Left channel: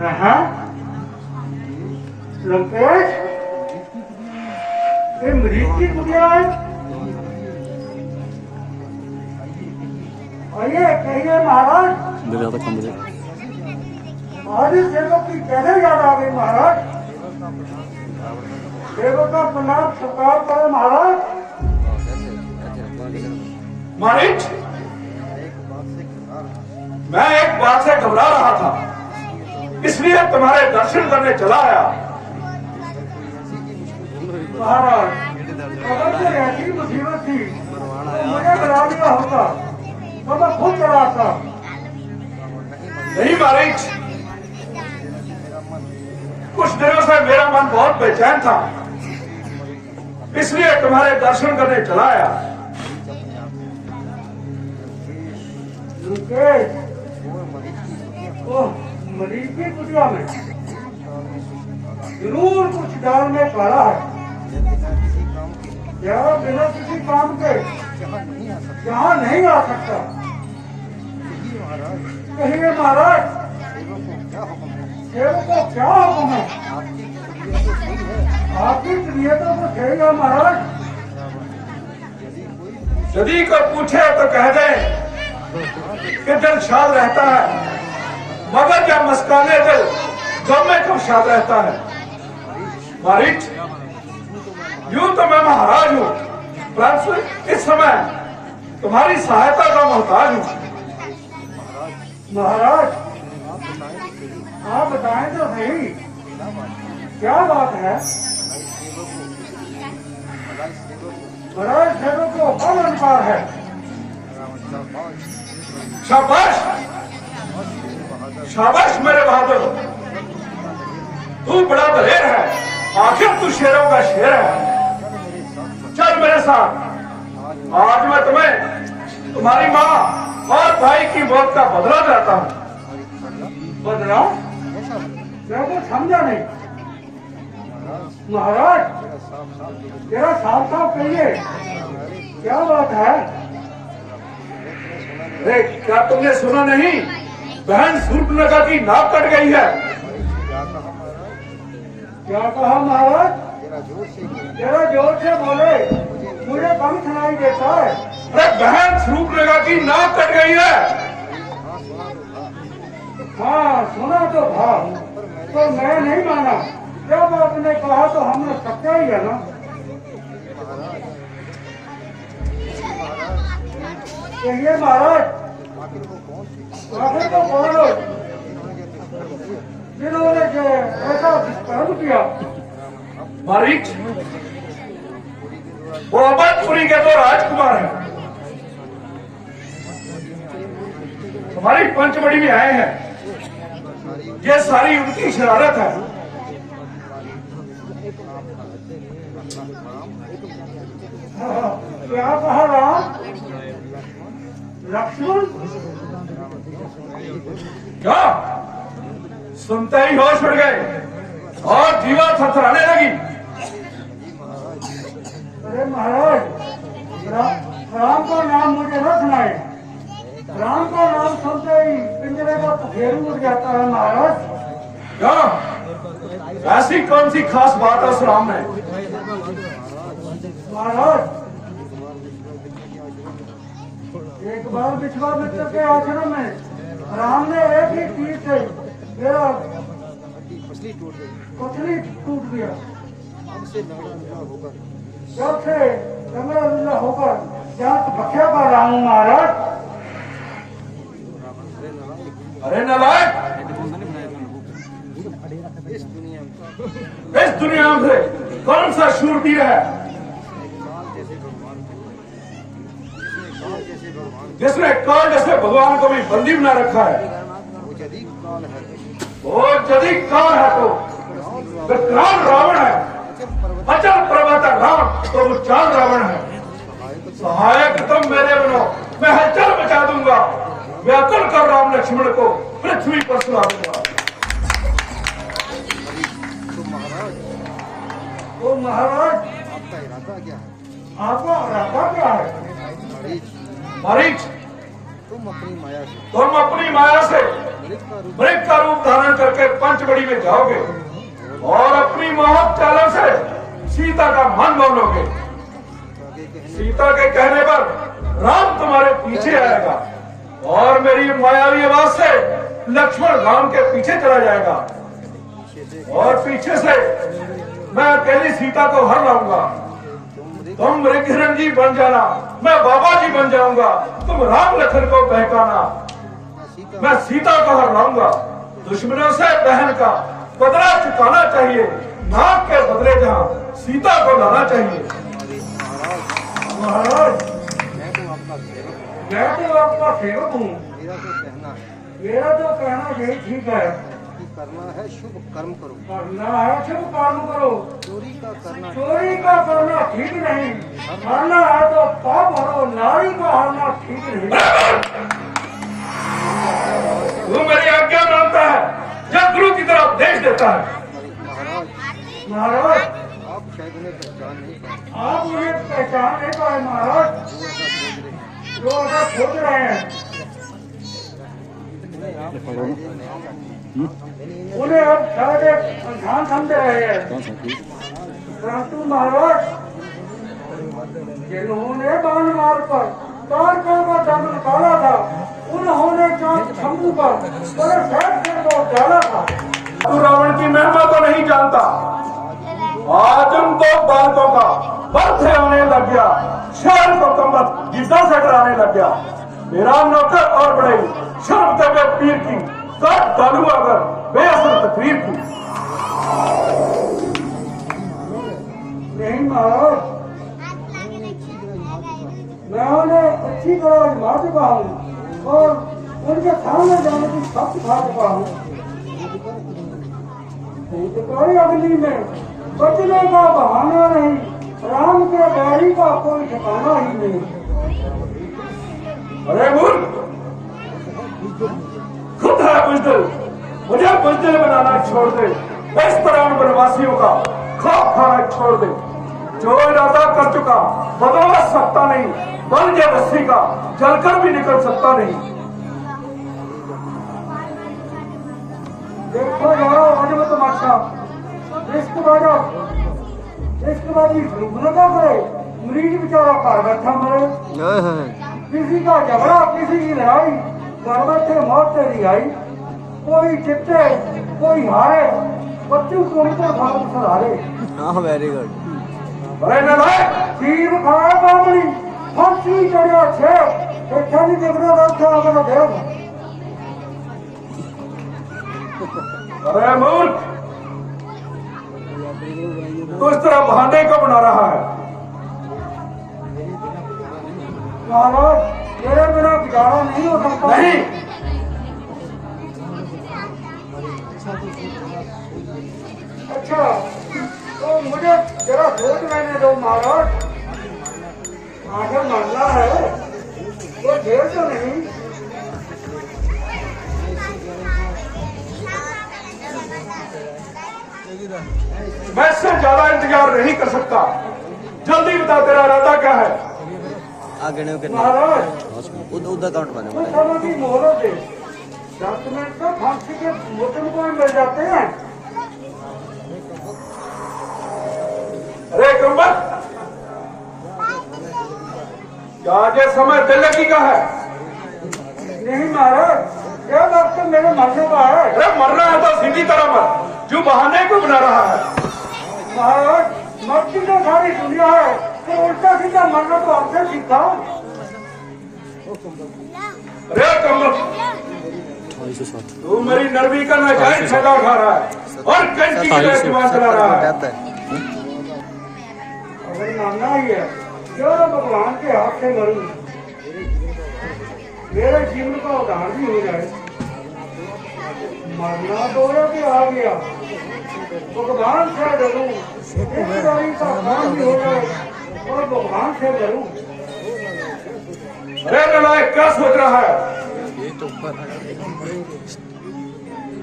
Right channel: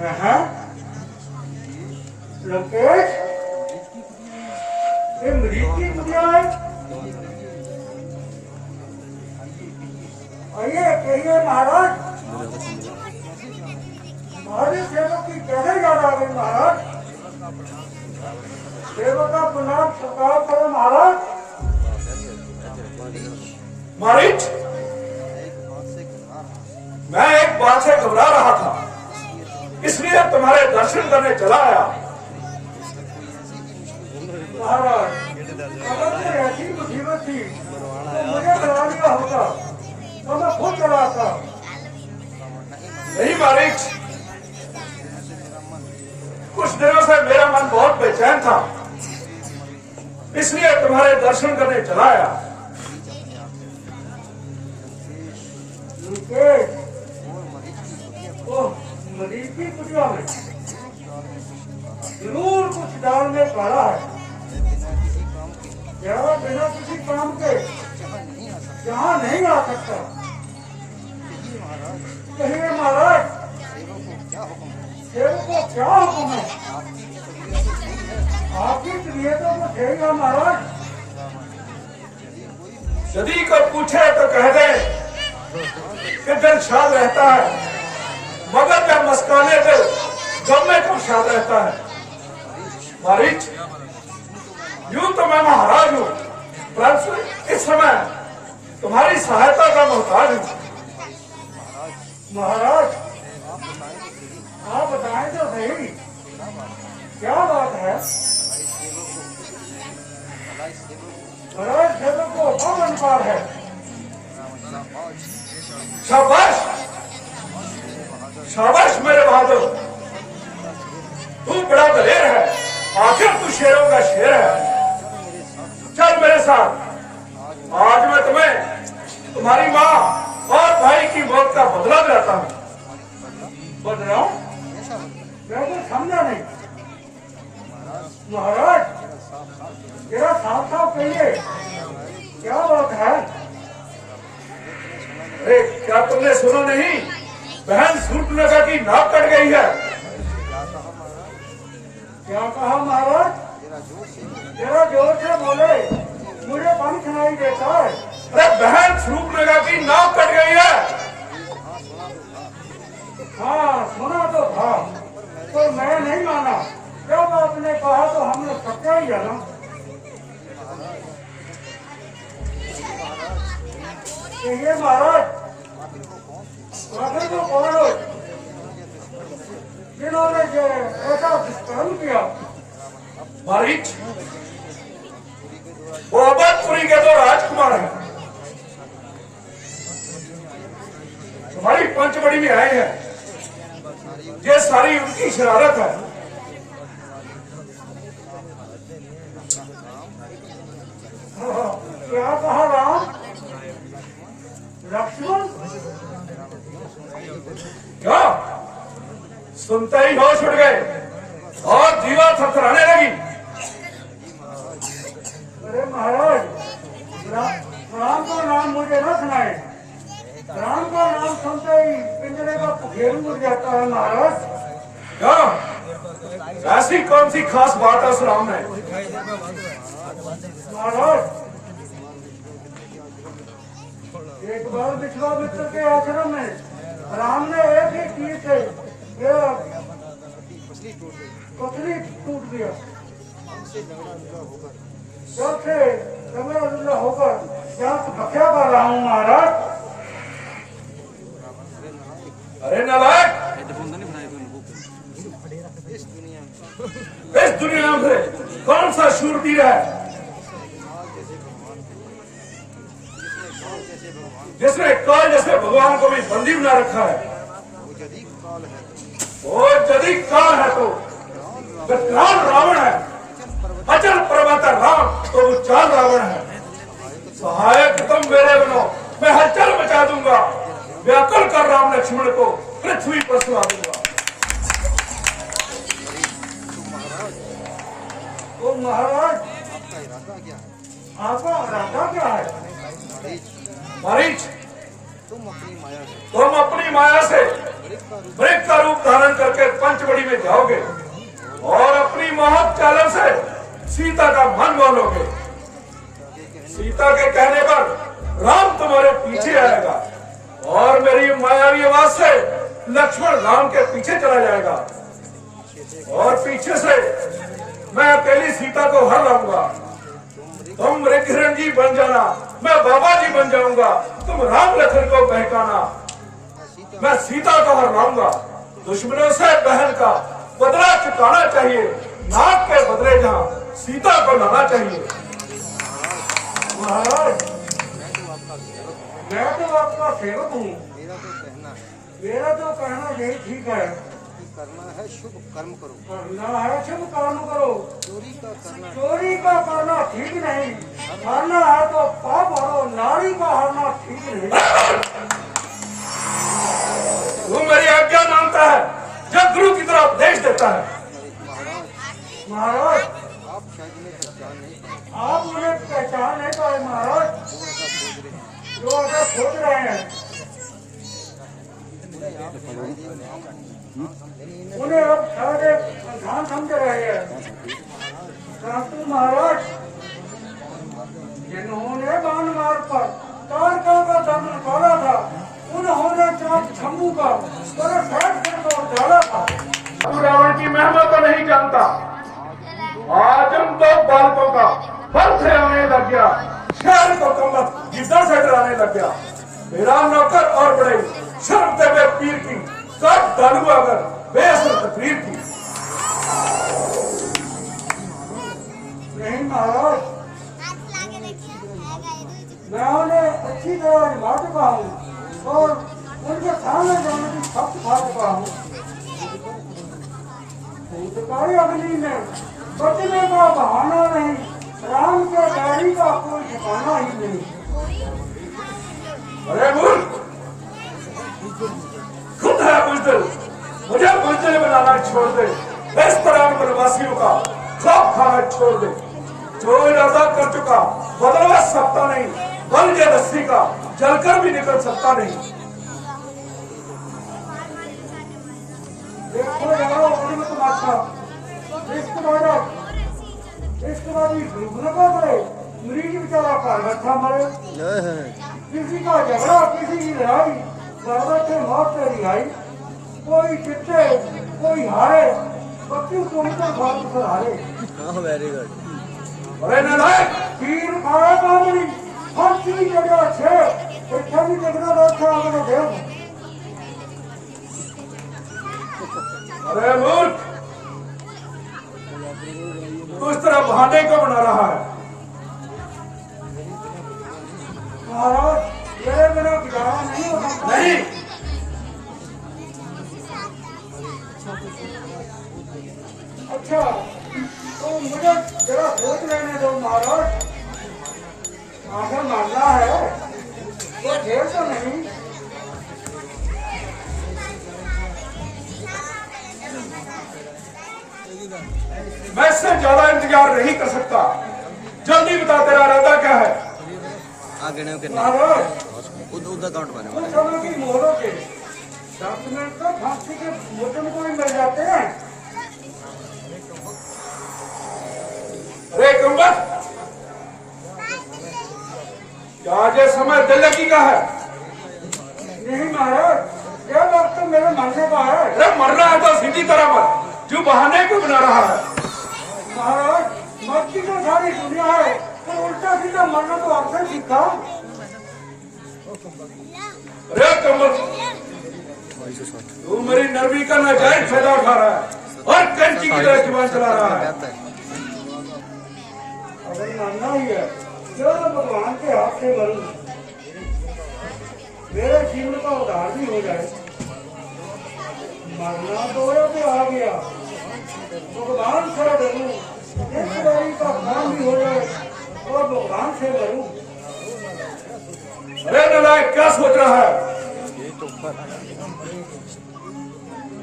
हाँ लंकेश, ये मरीज की कुटिया है। आइए कहिए महाराज। आज इस सेवक की कैसे याद आ गई महाराज? सेवक का प्रणाम स्वीकार करो महाराज। मारिच, मैं एक बात से घबरा रहा था, इसलिए तुम्हारे दर्शन करने चला आया। महाराज अगर कोई ऐसी मुसीबत थी तो मुझे डरा दिया होगा, तो मैं खुद चला आता। नहीं मारिच, कुछ दिनों से मेरा मन बहुत बेचैन था, इसलिए तुम्हारे दर्शन करने चला आया। मरीज की कुटिया में जरूर कुछ डाल में काला है। क्या बिना किसी काम के यहाँ नहीं आ सकता? कहिए महाराज, सेवक को क्या हुक्म है? आपकी तबीयतों को सही है महाराज। यदि कोई पूछे तो कह दे कि दिल शाद रहता है, मगर क्या मस्काने दिल गम में कब शाद रहता है। मारिच, यूं तो मैं महाराज हूं, परंतु इस समय तुम्हारी सहायता का मोहताज हूं। महाराज आप बताएं तो सही, क्या बात है? महाराज सेवक को कब अनुसार है? शाबाश शाबाश मेरे बहादुर, तू बड़ा दलेर है, आखिर तू शेरों का शेर है। चल मेरे साथ, आज मैं तुम्हें तुम्हारी माँ और भाई की मौत का बदला देता हूँ। बदला? मैं तो समझा नहीं महाराज, तेरा साफ साफ कहिए, क्या बात है? अरे क्या तुमने सुना नहीं, बहन सूर्पनखा की नाक कट गई है। क्या कहा महाराज? तेरा जोर से बोले, मुझे कम सुनाई देता है। अरे बहन सूर्पनखा की नाक कट गई है। हाँ सुना तो था, तो मैं नहीं माना। जब आपने कहा तो हमने सच्चा ही है ना। कहिए महाराज, आखिर तो कौन लोग जिन्होंने जो ऐसा दुष्कर्म किया? मारिच, वो अवधपुरी के तो राजकुमार हैं, तुम्हारी पंचमढ़ी में आए हैं। ये सारी उनकी शरारत है। क्या कहा राम? लक्ष्मण? क्या सुनते ही होश उड़ गए और जीवा थरथराने लगी। अरे महाराज, राम का नाम मुझे न सुनाए। राम का नाम सुनते ही पिंजरे का पखेरु उड़ जाता है महाराज। क्या ऐसी कौन सी खास बात है उस राम में? महाराज, एक बार विश्वामित्र के आश्रम में राम ने एक ही तीर से मेरा पथरी टूट गया। जब से लंगड़ा लुल्ला होकर जांच भक्षा कर रहा हूँ महाराज। अरे नालायक, इस दुनिया में कौन सा शूरवीर है जिसने काल जैसे भगवान को भी बंदी बना रखा है? वो यदि काल है तो कौन रावण है? अचल पर्वत रावण तो वो चाल रावण है। सहायक तुम मेरे बनो, मैं हलचल मचा दूंगा, व्याकुल कर राम लक्ष्मण को पृथ्वी पर सुला दूंगा। तो महाराज आपका इरादा क्या है? मारीच, तुम अपनी माया से तुम अपनी माया से मृग का रूप धारण करके पंचवड़ी में जाओगे और अपनी मोहक चालों से सीता का मन मोलोगे। सीता के कहने पर राम तुम्हारे पीछे आएगा और मेरी मायावी आवाज से लक्ष्मण राम के पीछे चला जाएगा और पीछे से मैं अकेली सीता को हर लाऊंगा। तुम मृगहिरण जी बन जाना, मैं बाबा जी बन जाऊंगा। तुम राम लखन को बहकाना, मैं सीता को हर लाऊंगा। दुश्मनों से बहन का बदला चुकाना चाहिए, नाक के बदले जहां सीता को लाना चाहिए। महाराज मैं तो आपका सेवक हूँ, मेरा तो कहना यही ठीक है। करना है शुभ कर्म करो, करना है शुभ कर्म करो, चोरी का करना ठीक नहीं, हरना है तो पाप हरो, नारी का हरना ठीक नहीं। तू मेरी आज्ञा मानता है जब गुरु की तरह उपदेश देता है। महाराज आप शायद उन्हें पहचान नहीं पाए, आप उन्हें पहचान नहीं पाए महाराज, जो ऐसा सोच रहे हैं उन्हें अब शायद एक अंधान समझ रहे हैं। परंतु महाराज जिन्होंने बाण मार पर तारकों का दम निकाला था, उन्होंने चांद शंभू का बड़े फैट को डाला था। तू रावण की महिमा तो नहीं जानता। आज हम तो बालकों का बर्थे आने लग गया, शहर को कमबख्त गिद्दा से डराने लग गया। मेरा नौकर और बढ़ई शर्म देवे पीर की काट डालू अगर बेअसर तकरीर की। नहीं महाराज, मैं उन्हें अच्छी तरह आजमा चुका हूँ और उनके सामने जाने की शब्द खा चुका हूँ। भूतकाली अग्नि में बचने का बहाना नहीं, राम के गाड़ी का कोई ठिकाना ही नहीं। अरे मूर्ख, खुद है बुजदिल, मुझे बुजदिल बनाना छोड़ दे। इस तरह वनवासियों का खौफ खाना छोड़ दे। जो इरादा कर चुका बदलवा सकता नहीं, बल के रस्सी का जलकर भी निकल सकता नहीं। देखो जाओ आज में तमाशा, रिश्तेदारी भूखना का करे, मरीज बेचारा घर बैठा मरे। किसी का झगड़ा, किसी की लड़ाई, घर बैठे मौत से रिहाई। कोई जीते कोई हारे, बच्चों को उनका भाग सहारे। हाँ वेरी गुड। अरे नालायक, तीर खाए बामरी, फांसी चढ़िया छे, देखा नहीं देखना रखा अगर देव। अरे मूर्ख, तो इस तरह बहाने को बना रहा है। महाराज मेरे बिना गुजारा नहीं हो सकता। नहीं, अच्छा तो मुझे जरा सोच लेने दो महाराज, आखिर मानना है तो जेल तो नहीं। मैं इससे ज्यादा इंतजार नहीं कर सकता। जल्दी बता तेरा इरादा क्या है। आगे नहीं महाराज उधर काउंट बने कुछ समय की मोहलत दे, 10 मिनट तो फांसी के मोचन को ही मिल जाते हैं। अरे कुंभक, क्या ये समय दिल लगी का है? नहीं महाराज, यह वक्त मेरे मरने का है। अरे मरना है तो सीधी तरह मर, जो बहाने को बना रहा है। महाराज मर्जी तो सारी दुनिया है, तो उल्टा सीधा मरना तो आपसे सीखा। अरे कुंभक, तू मेरी नरमी का नाजायज फायदा उठा रहा है और कैंची की तरह जुबान चला रहा है। अगर मानना ही है क्यों ना भगवान के हाथ से मरूं, मेरे जीवन का उद्धार भी हो जाए। मरना तो भी आ गया, भगवान से डरूं, रिश्तेदारी का काम भी हो जाए और भगवान से डरूं। अरे नालायक, क्या सोच रहा है?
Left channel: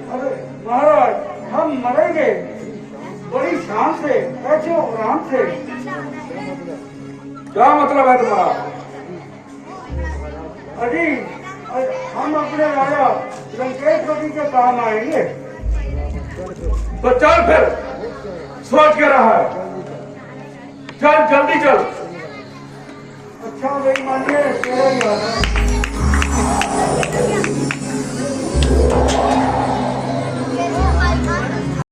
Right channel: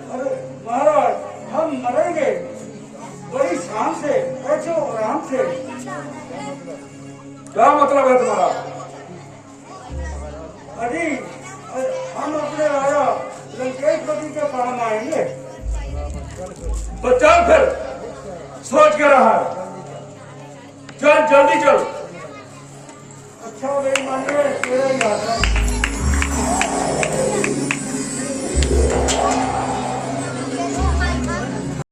अरे महाराज हम मरेंगे बड़ी शान से, ऐसे आराम से। क्या मतलब है तुम्हारा? अजी हम अपने राजा लंकेश्वर के काम आएंगे। तो चल फिर, सोच के रहा है, चल जल्दी चल। अच्छा भाई मानिए तेरा ही आता